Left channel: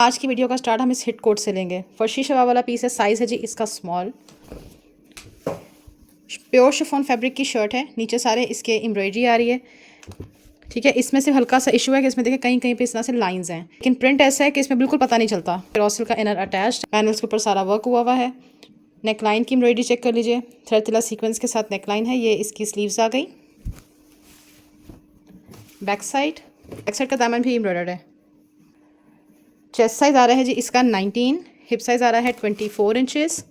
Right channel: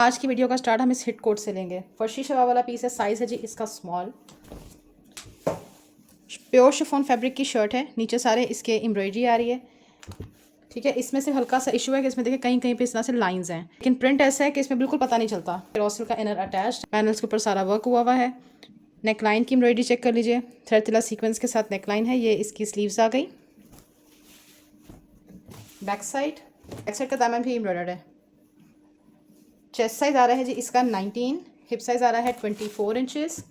आज की वीडियो का स्टार्ट हम इस हिट कोट से लेंगे। फर्शी शवा वाला पीस है, साइज़ है जी इसका स्मॉल। प्योर शिफॉन फैब्रिक की शर्ट है, नीचे सारे इसके एम्ब्रॉयडरी आ रही है। ठीक है, इसमें से हल्का सा इशू है कि इसमें देखिए कहीं कहीं पे इस तरह से लाइंस हैं, लेकिन प्रिंट ऐसा है कि इसमें बिल्कुल पता नहीं चलता। रॉसल का इनर अटैच्ड, पैनल्स के ऊपर सारा वर्क हुआ है। नेक लाइन की एम्ब्रॉयडरी चेक कर लीजिए, थ्रेड तिला सीक्वेंस के साथ नेक लाइन है। ये इसकी स्लीव्स आ गई। बैक साइड का दामन भी एम्ब्रॉयडर्ड है। चेस्ट साइज़ आ रहा है जी इसका 19, हिप साइज़ आ रहा है 24 इंचेस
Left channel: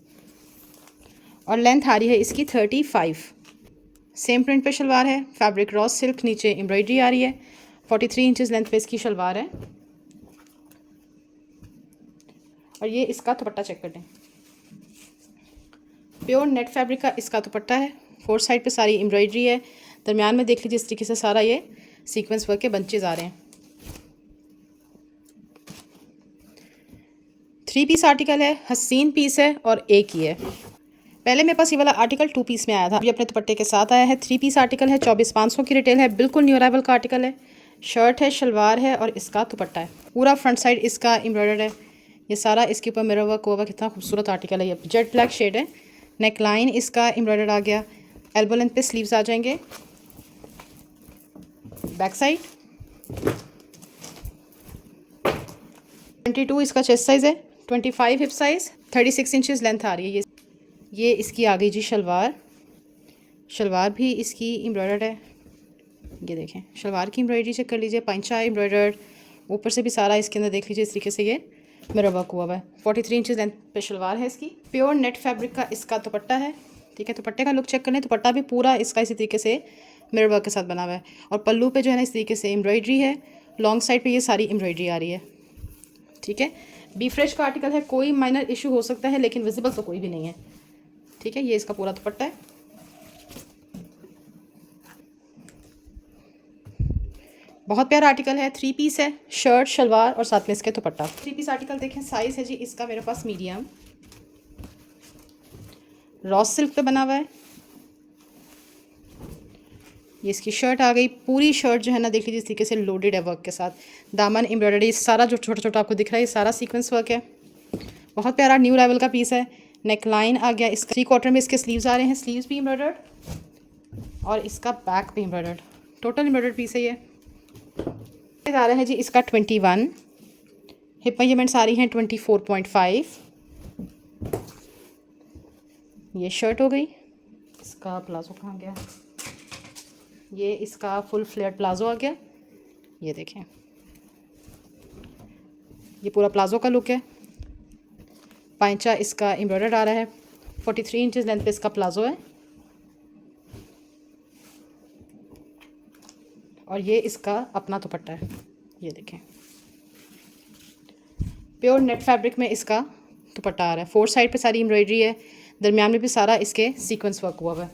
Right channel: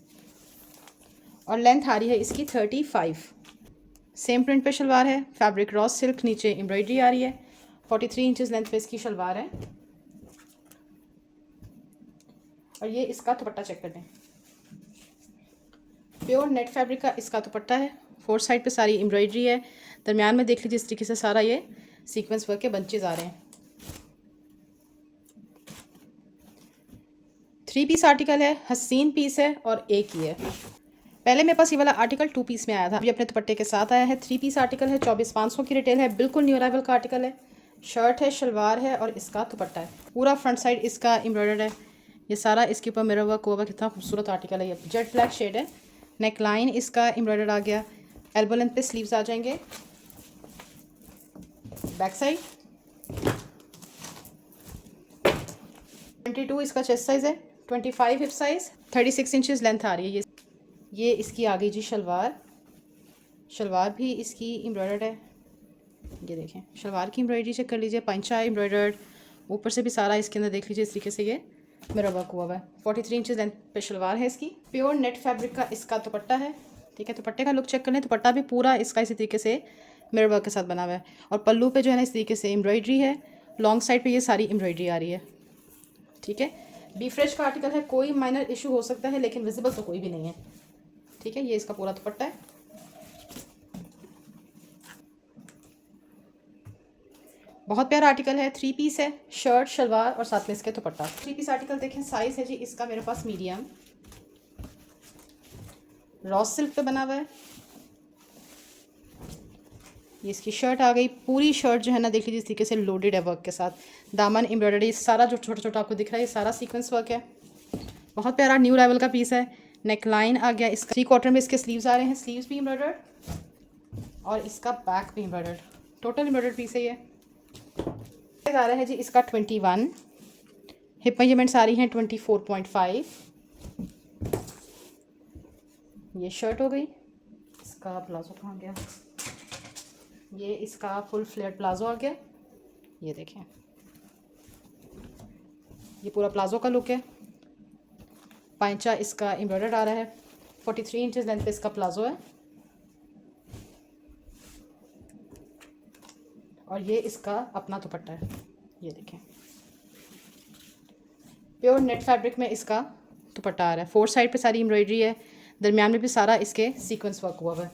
और लेंथ आ रही है इसकी 35। सेम प्रिंट पे शलवार है, फैब्रिक रॉस सिल्क, नीचे एम्ब्रॉयडरी आ रही है। 43 इंचेस लेंथ पे इसकी शलवार है और ये इसका दुपट्टा चेक कर लें। प्योर नेट फैब्रिक का इसका दुपट्टा है। फोर साइड पे सारी एम्ब्रॉयडरी है, दरमियान में देख लीजिए इस तरीके से सारा ये सीक्वेंस वर्क के बंचेज आ रहे हैं। 3 पीस आर्टिकल है, हसीन पीस है और एक ही है। पहले मेरे पास ये वाला आर्टिकल 2 पीस में आया था, ये अपने दुपट्टे के साथ आया है। 3 पीस आर्टिकल है, 24,500 की रिटेल है, बिल्कुल न्यू अराइवल का आर्टिकल है। शर्ट है, शलवार है और इसका दुपट्टा है। पूरा फ्रंट साइड इसका एम्ब्रॉयडर्ड है, ये सारा इसके ऊपर मिरर वर्क हुआ। कितना खूबसूरत आर्टिकल है, ये जेट ब्लैक शेड है। नेक लाइन इसका एम्ब्रॉयडर्ड आ गया, एल्बो लेंथ पे स्लीव्स आ जाएंगे। बैक साइड 22 इसका चेस्ट साइज़ है, 25 हिप साइज़, 36 इंचेस लेंथ आ रही है। ये इसकी आ गई जी शलवार। शलवार भी इसकी एम्ब्रॉयडर्ड है, ये देखें शलवार की एम्ब्रॉयडरी चेक कर लीजिए, पंचा एम्ब्रॉयडर्ड, ऊपर से भी सारा इसके अंदर देख लीजिए इस तरीके से ये मिरर वर्क हुआ है। 43 इंचेस लेंथ पे शलवार है इसकी। प्योर नेट फैब्रिक का इसका दुपट्टा है। ठीक है, दुपट्टे का लुक चेक कर लें, दुपट्टा भी पूरा इसका इसी तरीके से मिरर वर्क के साथ बना हुआ है और पल्लू पे जो है ना इस तरीके से एम्ब्रॉयडरी है। लॉन्ग साइड पे ये सारी एम्ब्रॉयडरी आ रही है। ठीक है, बी फ्रेश का आर्टिकल है, कोई माइनर इशू हो सकता है लेकिन विजिबल तो कोई भी नहीं है। ठीक है, ये इसका पूरा दुपट्टा है। बहुत प्यारा आर्टिकल है, 3 पीस है, शर्ट शलवार और साथ में इसके दुपट्टा। 3 पीस आर्टिकल देखें, साइज़ है जी इसका मेरे पास मीडियम, रॉस सिल्क पे बना हुआ है। ये इसकी शर्ट आ गई, पूरी शर्ट जो है ना देख लीजिए इस तरीके से लोडेड है वर्क के साथ। दामन एम्ब्रॉयडरी सारा जो छोटा छोटा आपको दिख रहा है ये सारा सीक्वेंस वर्क है। बहुत प्यारा न्यू लेवल का पीस है। नेक लाइन आ गया, इसका 3 क्वार्टर में इसके स्लीव्स आ रहे हैं, स्लीव्स भी एम्ब्रॉयडर्ड और इसका बैक भी एम्ब्रॉयडर्ड। टोटल एम्ब्रॉयडर्ड पीस है ये। आ रहा है जी इसका 21, हिप मेजरमेंट्स आ रही हैं 24.5। ये शर्ट हो गई। इसका प्लाजो कहाँ गया, ये इसका फुल फ्लेयर प्लाजो आ गया। ये देखें, ये पूरा प्लाजो का लुक है। पांचा इसका एम्ब्रॉयडर्ड आ रहा है, 43 इंचेस लेंथ पे इसका प्लाजो है और ये इसका अपना दुपट्टा है। ये देखें, प्योर नेट फैब्रिक में इसका दुपट्टा आ रहा है। 4 साइड पे सारी एम्ब्रॉयडरी है, दरमियान में भी सारा इसके सीक्वेंस वर्क हुआ है।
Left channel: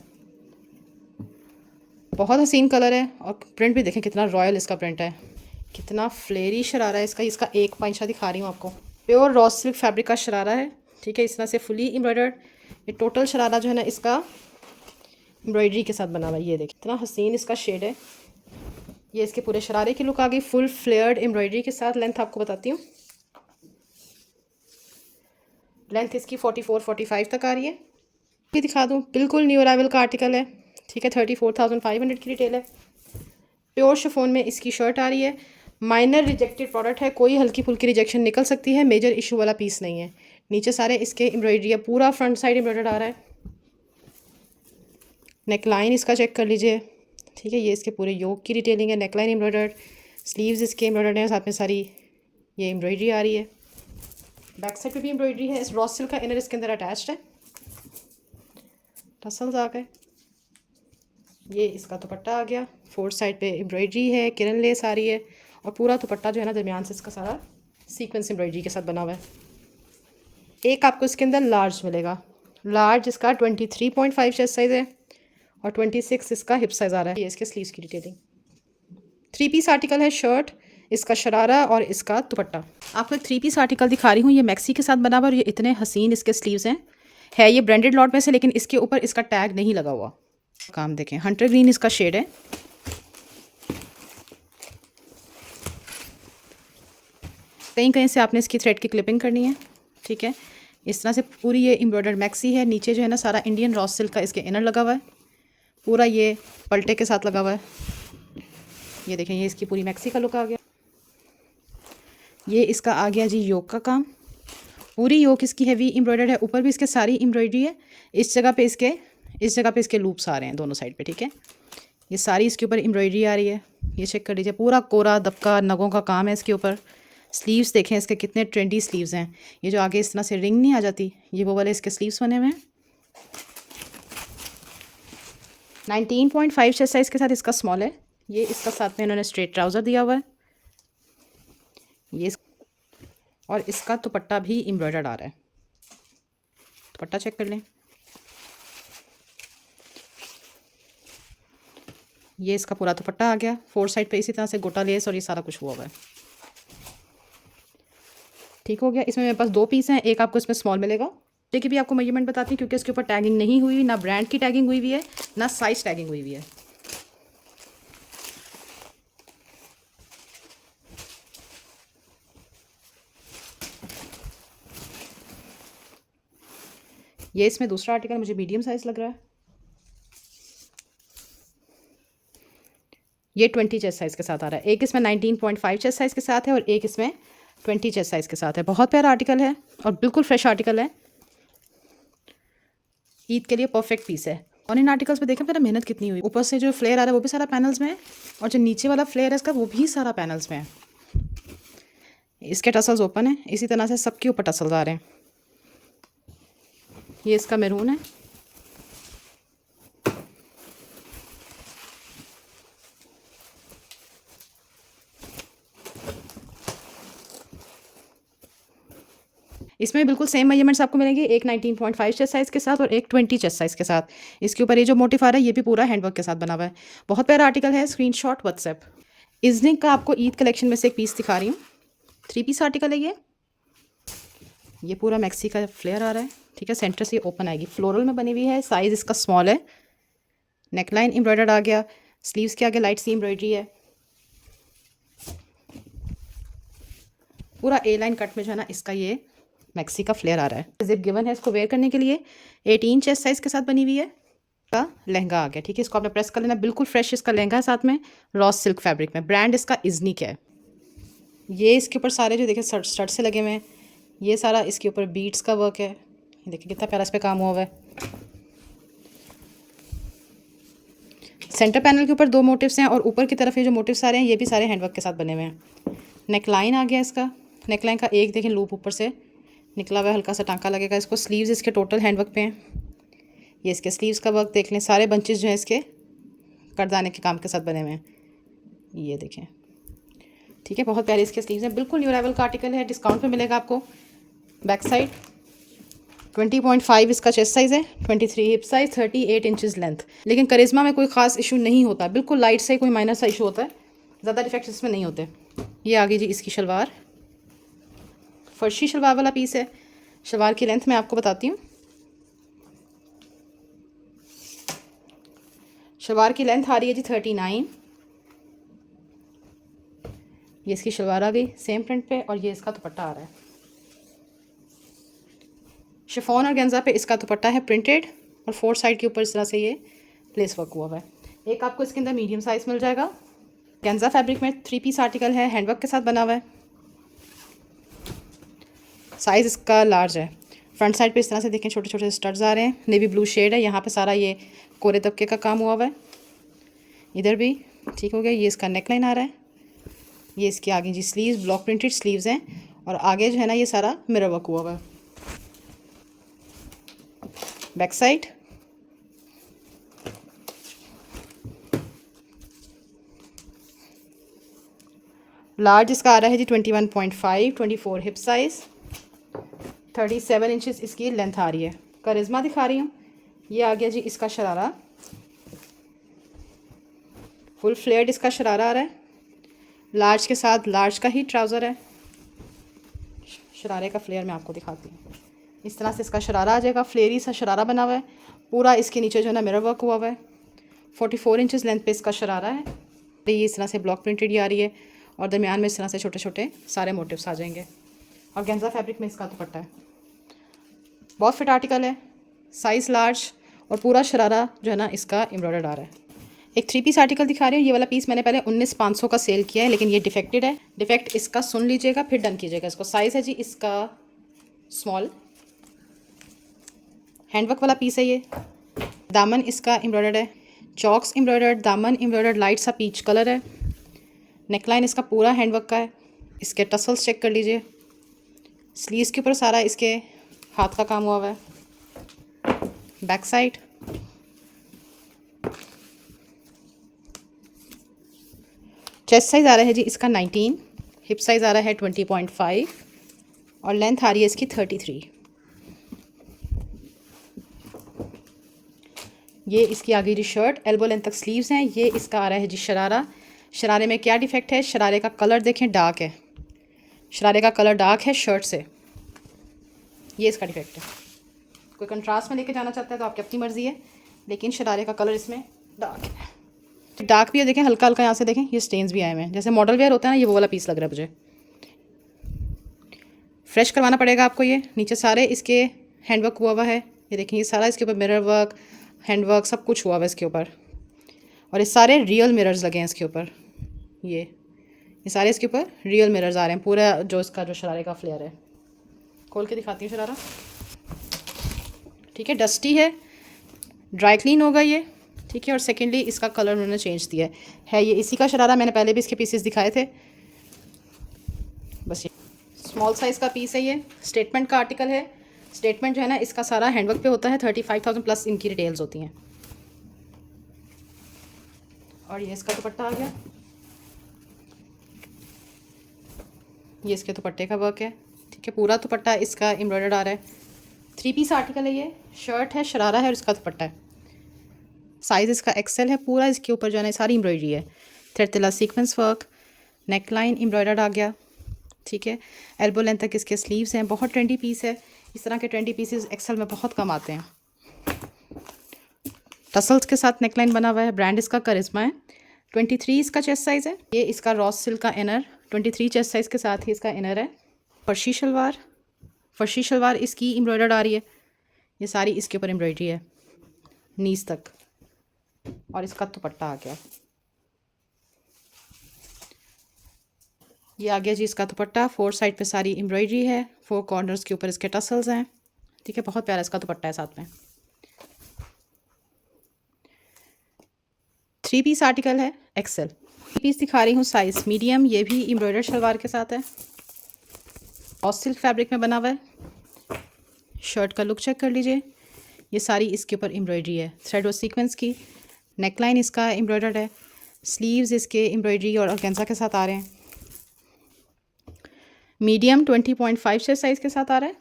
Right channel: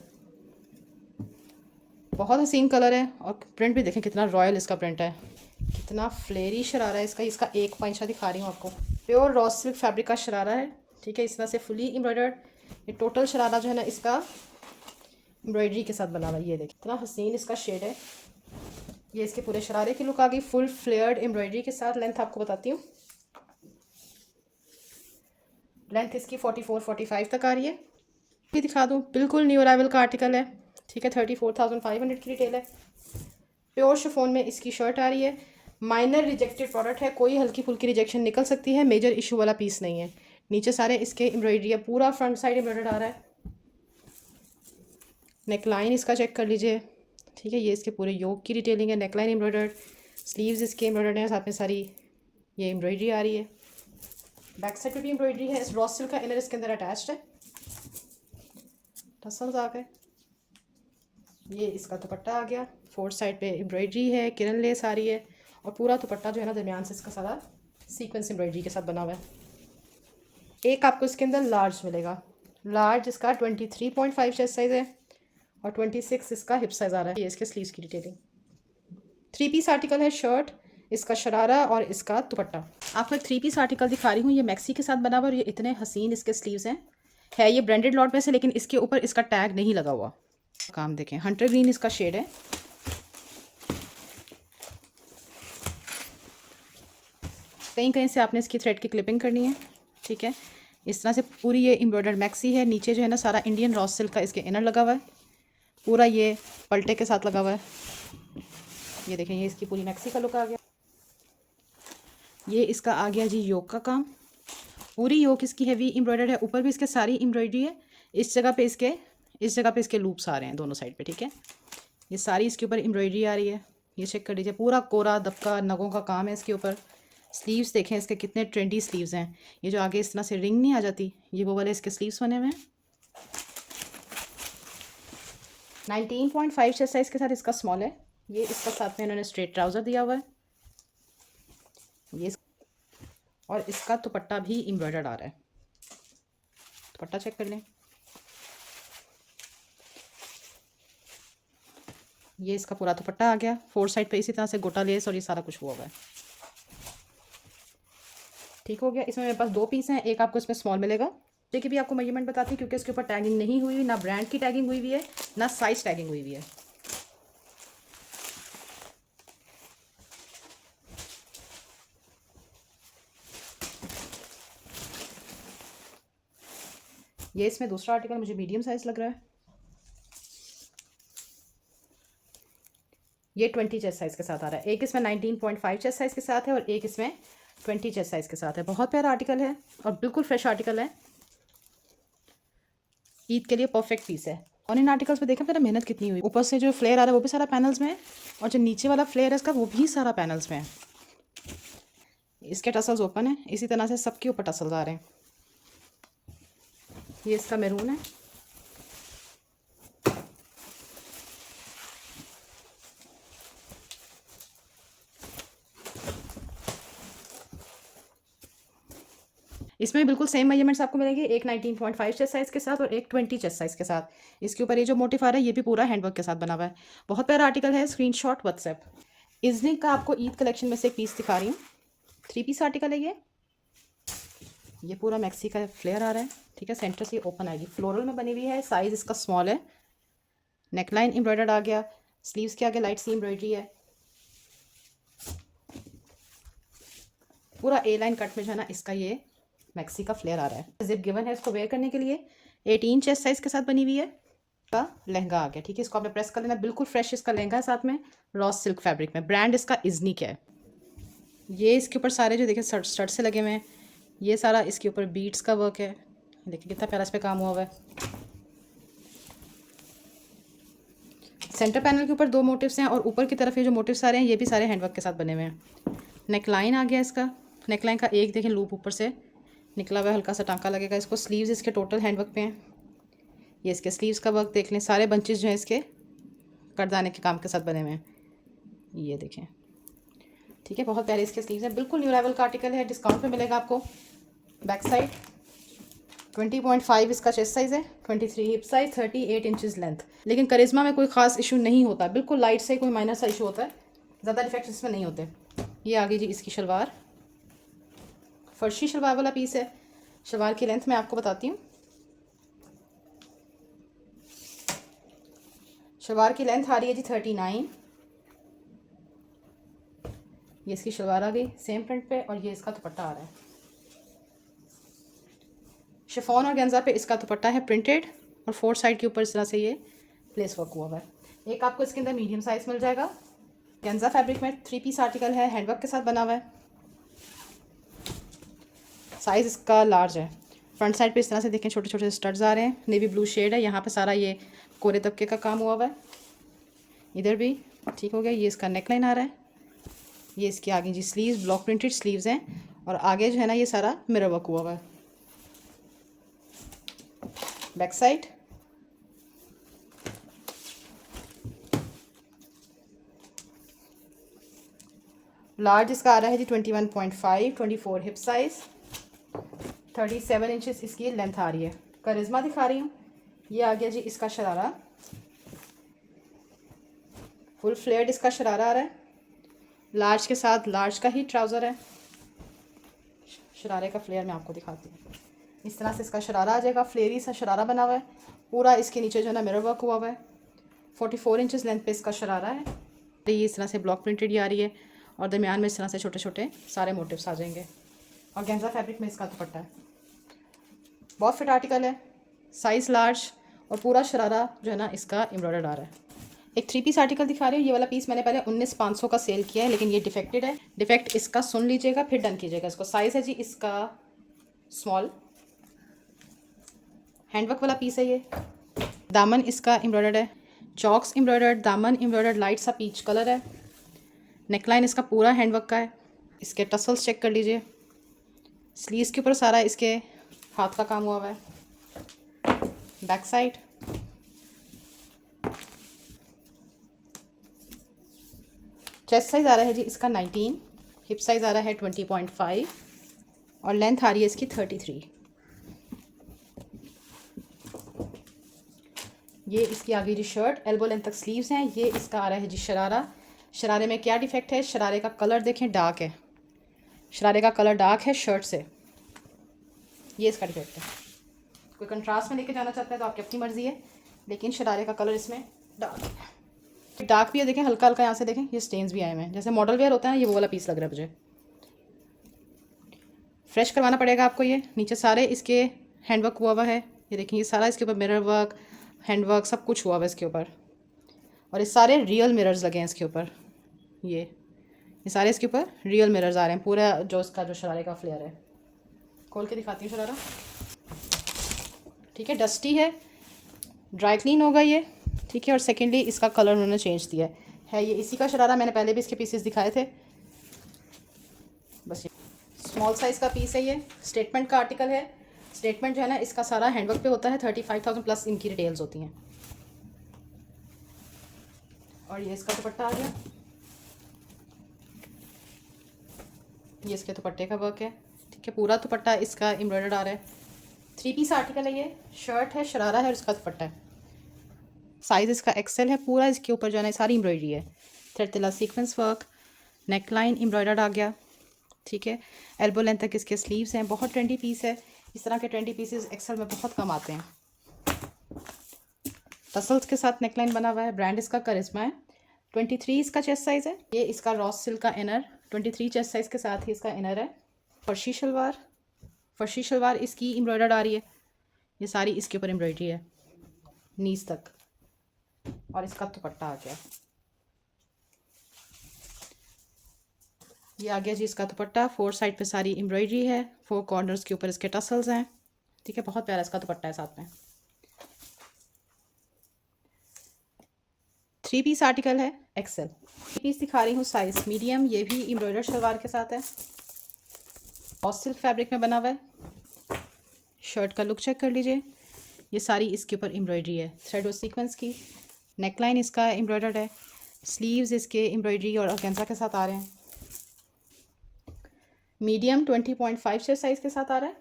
बहुत हसीन कलर है और प्रिंट भी देखें कितना रॉयल इसका प्रिंट है, कितना फ्लेरी शरारा है इसका। इसका एक पांचा दिखा रही हूँ आपको। प्योर रॉस सिल्क फैब्रिक का शरारा है। ठीक है, इस तरह से फुली एम्ब्रॉयडर्ड। ये टोटल शरारा जो है ना इसका एम्ब्रॉयडरी के साथ बना हुआ है। ये देखिए कितना हसीन इसका शेड है। ये इसके पूरे शरारे की लुक आ गई, फुल फ्लेयर्ड एम्ब्रॉयडरी के साथ। लेंथ आपको बताती हूँ, लेंथ इसकी 44-45 तक आ रही है। ये दिखा दूँ, बिल्कुल न्यू अराइवल का आर्टिकल है। ठीक है, 34,500 की रिटेल है। प्योर शिफॉन में इसकी शर्ट आ रही है। माइनर रिजेक्टेड प्रोडक्ट है, कोई हल्की फुल्की रिजेक्शन निकल सकती है, मेजर इशू वाला पीस नहीं है। नीचे सारे इसके एम्ब्रॉयडरी है, पूरा फ्रंट साइड एम्ब्रॉयडर्ड आ रहा है। नेक लाइन इसका चेक कर लीजिए। ठीक है, ये इसके पूरे योक की डिटेलिंग है। नेक लाइन एम्ब्रॉयडर्ड, स्लीव्स इसके एम्ब्रॉयडर्ड हैं, साथ में सारी ये एम्ब्रॉयडरी आ रही है। बैक साइड पे भी एम्ब्रॉयडरी है। इस रॉस सिल्क का इनर इसके अंदर अटैच्ड है, टसल्स आ गए। ये इसका दुपट्टा आ गया, 4 साइड पे एम्ब्रॉयडरी है, किरण लेस आ रही है और पूरा दुपट्टा जो है ना दरमियान से इसका सारा सीक्वेंस एम्ब्रॉयडरी के साथ बना हुआ है। एक आपको इसके अंदर लार्ज मिलेगा, लार्ज इसका 23.5 चेस्ट साइज़ है और 26 इसका हिप साइज़ आ रहा है। ये इसके स्लीव्स की डिटेलिंग। 3 पीस आर्टिकल है, शर्ट, इसका शरारा और इसका दुपट्टा। आपको एक 3 पीस आर्टिकल दिखा रही हूँ, ये मैक्सी के साथ बना हुआ और ये इतने हसीन इसके स्लीव्स हैं। है ये ब्रांडेड लॉट में से, लेकिन इसके ऊपर इसका टैग नहीं लगा हुआ। काम देखें, हंटर ग्रीन इसका शेड है। कहीं कहीं से आपने इसकी थ्रेड की क्लिपिंग करनी है, ठीक है। इस तरह से पूरी ये एम्ब्रॉयडर्ड मैक्सी है। नीचे जो है ना सारा इंडियन रॉ सिल्क का इसके इनर लगा हुआ है, पूरा ये पलटे के साथ लगा हुआ है। ये देखें, ये इसकी पूरी मैक्सी का लुक आ गया। ये इसका आ गया जी योक का काम। पूरी योक इसकी हैवी एम्ब्रॉयडर्ड है, ऊपर भी इसके सारी एम्ब्रॉयडरी है। इस जगह पे इसके लूप्स आ रहे हैं दोनों साइड पे, ठीक है। ये सारी इसके ऊपर एम्ब्रॉयडरी आ रही है। ये चेक कर लीजिए, पूरा कोरा दबका नगों का काम है इसके ऊपर। स्लीव्स देखें इसके कितने ट्रेंडी स्लीव्स हैं। ये जो आगे इस तरह से रिंग नहीं आ जाती, ये वो वाले इसके स्लीव्स बने हुए हैं। 19.5 चेस्ट साइज़ के साथ इसका स्मॉल है। ये इसका साथ में इन्होंने स्ट्रेट ट्राउज़र दिया हुआ है। ये और इसका दुपट्टा भी एम्ब्रॉयडर्ड आ रहा है। दुपट्टा चेक कर लें, ये इसका पूरा दुपट्टा आ गया। 4 साइड पे इसी तरह से गोटा लेस और ये सारा कुछ हुआ हुआ है। ठीक हो गया। इसमें मेरे पास 2 पीस हैं, एक आपको इसमें स्मॉल मिलेगा। देखिए भी आपको मेजरमेंट बताती हूँ, क्योंकि इसके ऊपर टैगिंग नहीं हुई, ना ब्रांड की टैगिंग हुई हुई है, ना साइज टैगिंग हुई हुई है। ये इसमें दूसरा आर्टिकल मुझे मीडियम साइज़ लग रहा है। ये 20 चेस्ट साइज़ के साथ आ रहा है। एक इसमें 19.5 चेस्ट साइज़ के साथ है और एक इसमें 20 चेस्ट साइज़ के साथ है। बहुत प्यारा आर्टिकल है और बिल्कुल फ्रेश आर्टिकल है। ईद के लिए परफेक्ट पीस है। और इन आर्टिकल्स पे देखें मेरा मेहनत कितनी हुई। ऊपर से जो फ्लेयर आ रहा है वो भी सारा पैनल्स में है, और जो नीचे वाला फ्लेयर है इसका वो भी सारा पैनल्स में है। इसके टसल्स ओपन है, इसी तरह से सबके ऊपर टसल्स आ रहे हैं। ये इसका मैरून है। इसमें बिल्कुल सेम मेजरमेंट्स आपको मिलेंगे, एक 19.5 चेस्ट साइज़ के साथ और एक 20 चेस्ट साइज़ के साथ। इसके ऊपर ये जो मोटिफ आ रहा है ये भी पूरा हैंडवर्क के साथ बना हुआ है। बहुत प्यारा आर्टिकल है। Screenshot WhatsApp. इजनिक का आपको ईद कलेक्शन में से एक पीस दिखा रही हूँ। 3 पीस आर्टिकल है ये पूरा मैक्सी का फ्लेयर आ रहा है, ठीक है। सेंटर से ओपन आएगी, फ्लोरल में बनी हुई है। साइज़ इसका स्मॉल है। नेकलाइन एम्ब्रॉयडर्ड आ गया। स्लीव्स के आगे लाइट सी एम्ब्रॉयडरी है। पूरा ए लाइन कट में जो है ना इसका ये मैक्सी का फ्लेयर आ रहा है। जिप गिवन है इसको वेयर करने के लिए। 18 चेस्ट साइज़ के साथ बनी हुई है। का लहंगा आ गया, ठीक है। इसको आपने प्रेस कर लेना, बिल्कुल फ्रेश इसका लहंगा है। साथ में रॉस सिल्क फैब्रिक में, ब्रांड इसका इजनिक है। ये इसके ऊपर सारे जो देखे स्टड से लगे हुए हैं, ये सारा इसके ऊपर बीट्स का वर्क है। देखिए कितना प्यारा इस पे काम हुआ हुआ है। सेंटर पैनल के ऊपर 2 मोटिव्स हैं और ऊपर की तरफ ये जो मोटिव्स आ रहे हैं ये भी सारे हैंडवर्क के साथ बने हुए हैं। नेकलाइन आ गया इसका। नेकलाइन का एक देखें लूप ऊपर से निकला हुआ है, हल्का सा टांका लगेगा इसको। स्लीव्स इसके टोटल हैंडवर्क पे हैं। ये इसके स्लीव्स का वर्क देख लें, सारे बंचेस जो हैं इसके करदाने के काम के साथ बने हुए हैं। ये देखें, ठीक है। बहुत प्यारे इसके स्लीव्स हैं। बिल्कुल न्यू अराइवल का आर्टिकल है, डिस्काउंट पे मिलेगा आपको। बैक साइड 20.5 इसका चेस्ट साइज़ है, 23 हिप साइज़, 38 इंचज़ लेंथ। लेकिन करिश्मा में कोई ख़ास इशू नहीं होता, बिल्कुल लाइट से कोई माइनर सा इशू होता है, ज़्यादा डिफेक्ट्स इसमें नहीं होते। ये आगे जी इसकी शलवार, फर्शी शलवार वाला पीस है। शलवार की लेंथ मैं आपको बताती हूँ। शलवार की लेंथ आ रही है जी 39। ये इसकी शलवार आ गई सेम प्रिंट पे, और ये इसका दुपट्टा आ रहा है। शिफॉन और गेंजा पे इसका दुपट्टा है प्रिंटेड, और 4 साइड के ऊपर इस तरह से ये लेस वर्क हुआ हुआ है। एक आपको इसके अंदर मीडियम साइज़ मिल जाएगा। गेंजा फैब्रिक में 3 पीस आर्टिकल है, हैंडवर्क के साथ बना हुआ है। साइज़ इसका लार्ज है। फ्रंट साइड पे इस तरह से देखें छोटे छोटे स्टड्स आ रहे हैं। नेवी ब्लू शेड है, यहाँ पे सारा ये कोरे तबके का काम हुआ हुआ है। इधर भी ठीक हो गया। ये इसका नेकलाइन आ रहा है। ये इसके आगे जी स्लीव्स, ब्लॉक प्रिंटेड स्लीव्स हैं, और आगे जो है ना ये सारा मिरर वर्क हुआ हुआ है। बैक साइड लार्ज इसका आ रहा है जी 21.5, 24 हिप साइज़, 37 इंचज़ इसकी लेंथ आ रही है। करिश्मा दिखा रही हूँ। ये आ गया जी इसका शरारा, फुल फ्लेयर्ड इसका शरारा आ रहा है। लार्ज के साथ लार्ज का ही ट्राउज़र है। शरारे का फ्लेयर मैं आपको दिखाती हूँ। इस तरह से इसका शरारा आ जाएगा, फ्लेयरी सा शरारा बना हुआ है। पूरा इसके नीचे जो है ना मिरर वर्क हुआ हुआ है। 44 इंचज़ लेंथ पे इसका शरारा है। ये इस तरह से ब्लॉक प्रिंटेड ही आ रही है, और दरमियान में इस तरह से छोटे छोटे सारे मोटिव्स आ जाएंगे। और गेंजा फैब्रिक में इसका दुपट्टा है। बहुत फिट आर्टिकल है, साइज़ लार्ज, और पूरा शरारा जो है ना इसका एम्ब्रॉयडर्ड आ रहा है। एक 3 पीस आर्टिकल दिखा रही हूँ। ये वाला पीस मैंने पहले 19,500 का सेल किया है, लेकिन ये डिफेक्टेड है। डिफेक्ट इसका सुन लीजिएगा, फिर डन कीजिएगा इसको। साइज़ है जी इसका स्मॉल, हैंडवर्क वाला पीस है ये। दामन इसका एम्ब्रॉयडर्ड है, चॉक्स एम्ब्रॉयडर्ड, दामन एम्ब्रॉयडर्ड, लाइट सा पीच कलर है। नेकलाइन इसका पूरा हैंडवर्क का है। इसके टसल्स चेक कर लीजिए। स्लीव्स के ऊपर सारा इसके हाथ का काम हुआ हुआ है। बैक साइड, चेस्ट साइज़ आ रहा है जी इसका 19, हिप साइज़ आ रहा है 20.5 और लेंथ आ रही है इसकी 33। ये इसकी आगे जी शर्ट, एल्बो लेंथ तक स्लीव्स हैं। ये इसका आ रहा है जी शरारा। शरारे में क्या डिफेक्ट है, शरारे का कलर देखें डार्क है, शरारे का कलर डार्क है शर्ट से, ये इसका डिफेक्ट है। कोई कंट्रास्ट में लेके जाना चाहता है तो आपकी अपनी मर्ज़ी है, लेकिन शरारे का कलर इसमें डार्क है। डार्क भी है, देखें हल्का हल्का, यहाँ से देखें ये स्टेन्स भी आए हुए हैं, जैसे मॉडल वेयर होता है ना, ये वो वाला पीस लग रहा है मुझे। फ्रेश करवाना पड़ेगा आपको। ये नीचे सारे इसके हैंडवर्क हुआ हुआ है, ये देखें, ये सारा इसके ऊपर मिरर वर्क, हैंडवर्क सब कुछ हुआ हुआ है इसके ऊपर। और ये सारे रियल मिरर्स लगे हैं इसके ऊपर। ये सारे इसके ऊपर रियल मिरर्स आ रहे हैं। पूरा जो इसका जो शरारे का फ्लेयर है, खोल के दिखाती हूँ शरारा। ठीक है, डस्टी है, ड्राई क्लीन होगा ये। ठीक है, और सेकेंडली इसका कलर उन्होंने चेंज दिया है। ये इसी का शरारा, मैंने पहले भी इसके पीसेस दिखाए थे। बस ये स्मॉल साइज़ का पीस है। ये स्टेटमेंट का आर्टिकल है। स्टेटमेंट जो है ना इसका सारा हैंडवर्क पे होता है। 35,000 प्लस इनकी डिटेल्स होती हैं। और ये इसका दुपट्टा आ गया, ये इसके दुपट्टे का वर्क है। ठीक है, पूरा दुपट्टा इसका एम्ब्रॉयडर्ड आ रहा है। 3 पीस आर्टिकल है ये। शर्ट है, शरारा है और इसका दुपट्टा है। साइज़ इसका एक्सेल है। पूरा इसके ऊपर जो है ना सारी एम्ब्रॉयडरी है। थ्रेड तिला sequence work, neck line embroidered आ गया। ठीक है, एल्बो लेंथ तक इसके स्लीव्स हैं। बहुत ट्रेंडी पीस है। इस तरह के ट्रेंडी पीसेस एक्सेल में बहुत कम आते हैं। टसल्स के साथ नेकलाइन बना हुआ है। ब्रांड इसका करिश्मा है। 23 इसका चेस्ट साइज़ है। ये इसका रॉस सिल्क का इनर, 23 चेस्ट साइज़ के साथ ही इसका इनर है। फर्शी शलवार, फर्शी शलवार इसकी एम्ब्रॉयडर्ड आ रही है। ये सारी इसके ऊपर एम्ब्रॉयडरी है नीज तक। और इसका दुपट्टा आ गया, ये आ गया जी इसका दुपट्टा। 4 साइड पे सारी एम्ब्रॉयडरी है। 4 कॉर्नर्स के ऊपर इसके टसल्स हैं। ठीक है, बहुत प्यारा इसका दुपट्टा है साथ में। 3 पीस आर्टिकल है, एक्सेल। पीस दिखा रही हूँ साइज मीडियम। ये भी एम्ब्रॉयडर्ड शलवार के साथ है और सिल्क फैब्रिक में बना हुआ है। शर्ट का लुक चेक कर लीजिए। ये सारी इसके ऊपर एम्ब्रॉयडरी है थ्रेड और सीक्वेंस की। नेकलाइन इसका एम्ब्रॉयडर्ड है। स्लीव्स इसके एम्ब्रॉयडरी और ऑर्गेन्जा के साथ आ रहे हैं। मीडियम 20.5 साइज़ के साथ आ रहा है।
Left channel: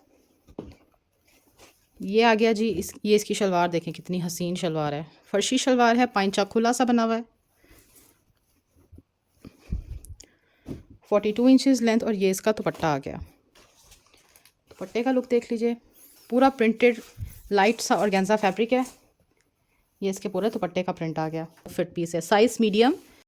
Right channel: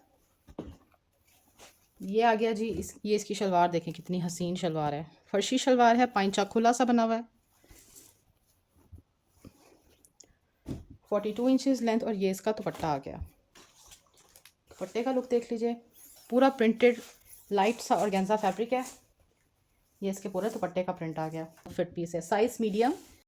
ये आ गया जी ये इसकी शलवार देखें कितनी हसीन शलवार है। फर्शी शलवार है, पाइंचा खुला सा बना हुआ है। 42 इंचेस लेंथ। और ये इसका दुपट्टा आ गया। दुपट्टे का लुक देख लीजिए, पूरा प्रिंटेड लाइट सा ऑर्गेन्जा फैब्रिक है। ये इसके पूरे दुपट्टे का प्रिंट आ गया। फिट पीस है, साइज़ मीडियम।